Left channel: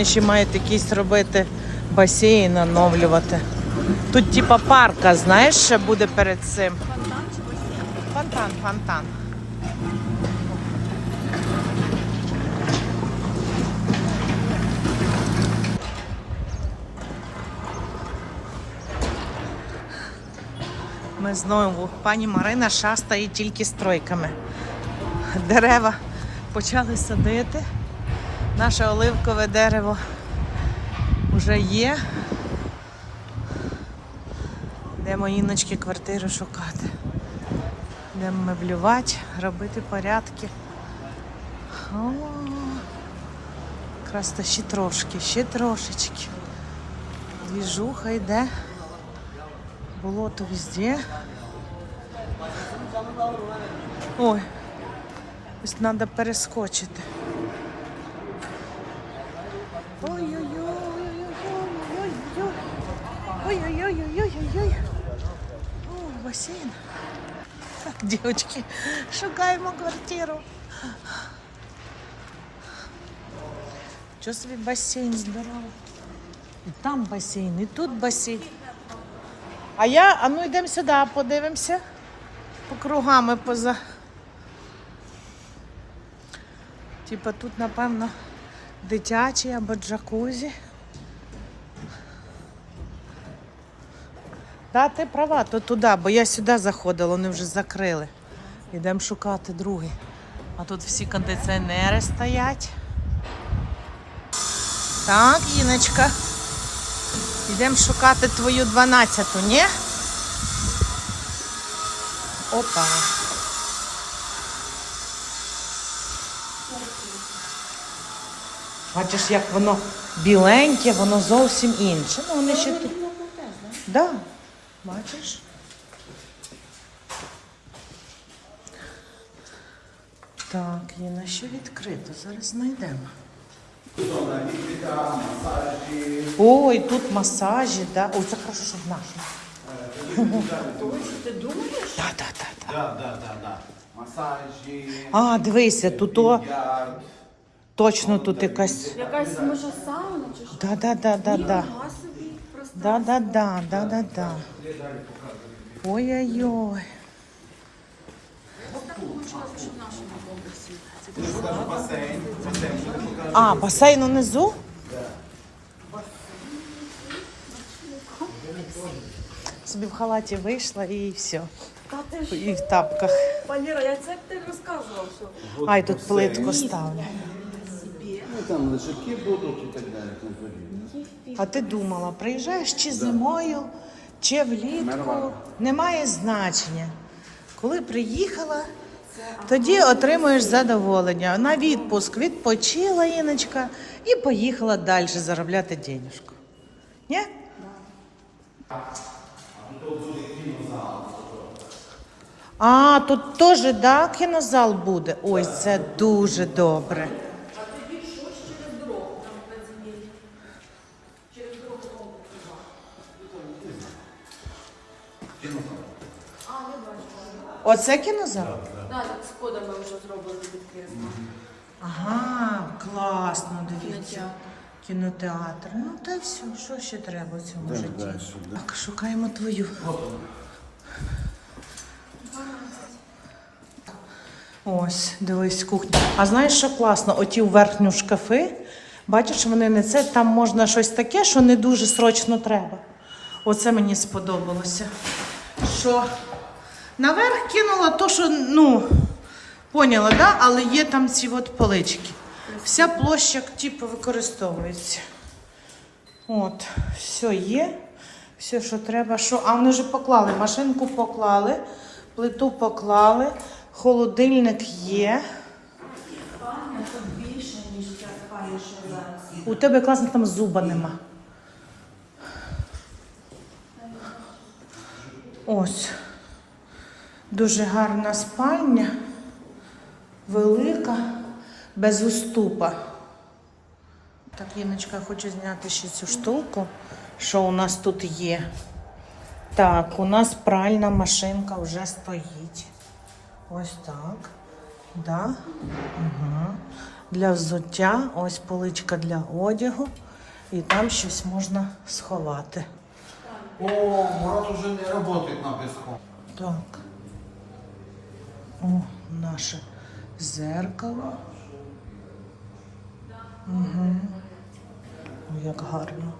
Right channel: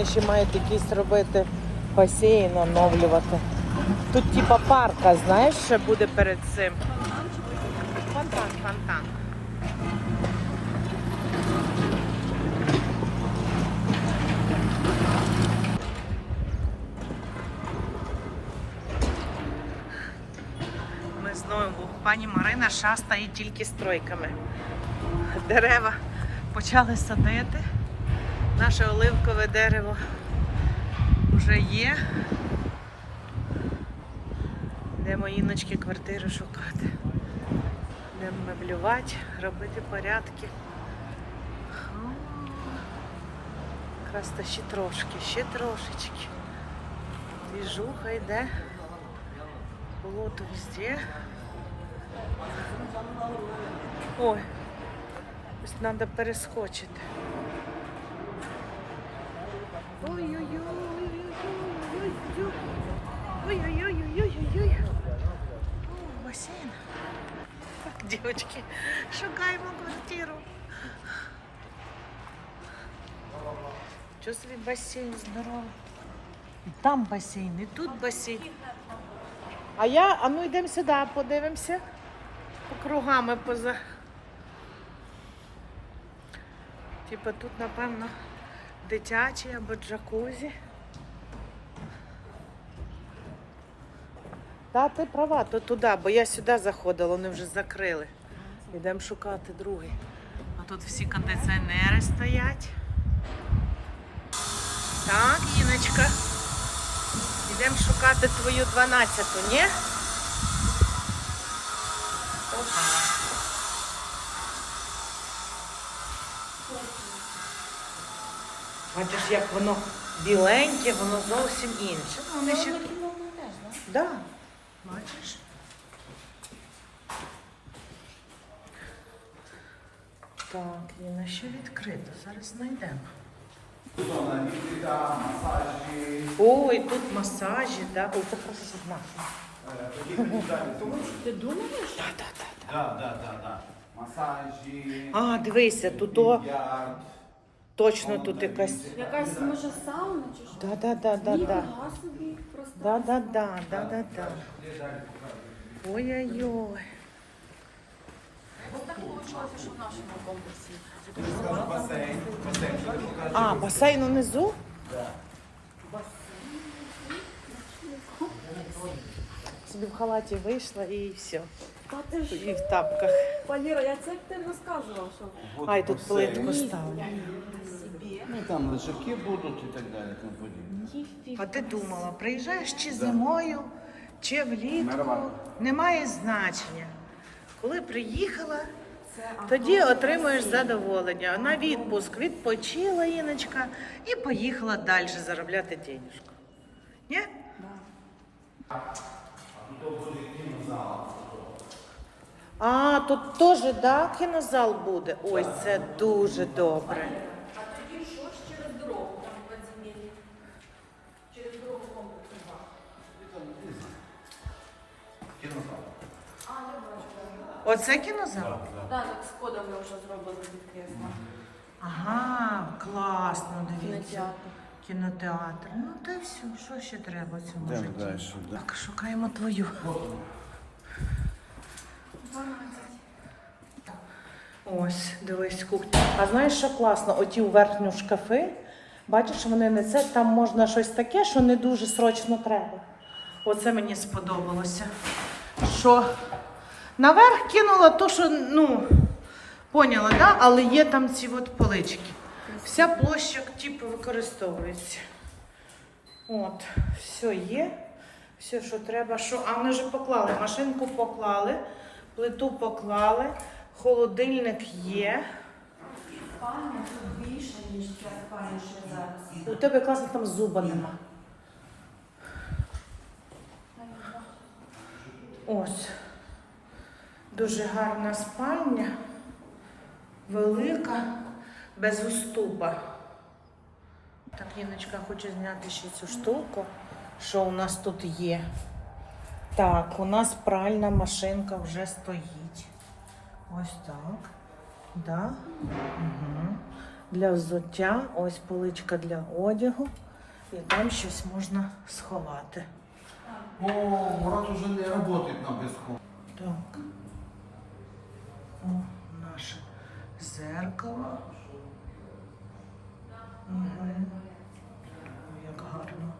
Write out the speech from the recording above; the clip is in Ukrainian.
вони ще мають якийсь робити басейн, оновлювати. Тут типа парка, знаєш, ще буде перед цим. Фонтан, фонтан. Ми знову, пані Марина шастає тільки стройками. Дерева почали садити. Наше оливкове дерево вже є. Йдемо іночки квартиру шукати. Йдемо меблювати, робити порядки. О, якраз то ще трошки, ще трошечки. Двіжуха йде. Болото везде. Ой, ось треба перескочити. Ой-ой-ой-ой-ой-ой-ой. О, басейн. Так, дівчатки, шукаємо квартиру. Що собі басейн здоровий. І там басейн, і тут басейн. А я, а ну йдемо сюди, подивимося. По кругами поза. Типа тут, напевно, дитячий або джакузі. Да, ти права, то туди, бо я сюди заходила, вони вже закрили. Йдемо шукати другий. А тут всі кондиціонери стоять. Так, Іночка. Йдемо шукати твою 12-ту, ні? Опа. Бачиш, як воно біленьке, воно зовсім інше. Ну, вони ще. Так, да. бачиш? Так, є на що відкрито. Зараз знайдемо. Ой, тут масажі, да. Ой, це хорошо наш. Так, так, так. Да, да, да, да. Масажі. А, дивися, тут о, більярд. точно тут якась. Якась може сауна чи що? Да, да, да, да, да. Нема собі просто. Да, да, да, да, да, да. Ой-ой-ой. Ось так вийшло, що в нашому комплексі. Тут там басейн. Басейн сюди покажу. А, басейн унизу? Собі в халаті вийшла і все. Та ти ж, І в тапках. Валера, я це ти розказував, що Ай, тут плитку ставлю. Там лежаки будуть і так далі. тому подібне. А ти думала, приїжджаєш чи зимою, чи влітку? Немає значення. Коли приїхала, тоді отримуєш задоволення. На відпуск відпочила Іночка і поїхала далі заробляти денежку. Ні? А, тут теж да, кінозал буде. Ой, це дуже добре. Оце кінозал? Так, з кодами вже зробили відкрізно. Ага, класно, дивіться. Кінотеатр. Ну та й все, що ще треба в цьому житті? Так, шукаємо твою. Ось, дивись, кухня. А знаєш, що класно? Оті верхню шкафи. Бачиш, вони не це, там можна щось таке, що не дуже срочно треба. Оце мені сподобалося. Що наверх кинула то, що, ну, поняла, да? але є там ці от полички. Вся площа, типу, використовується. От, все є. Все, що треба. Що? А вони вже поклали. Машинку поклали, плиту поклали, холодильник є. Більше, ніж. У тебе класно там зуба нема. Ось. Дуже гарна спальня, велика, без уступа. Так, Іночка, я хочу зняти ще цю штуку, що у нас тут є. Так, у нас пральна машинка вже стоїть. Ось так. Да? Угу. для взуття, ось поличка для одягу, і там щось можна сховати. О, Мурат уже не работает на песку. Так. Наше зеркало. Угу. Як гарно.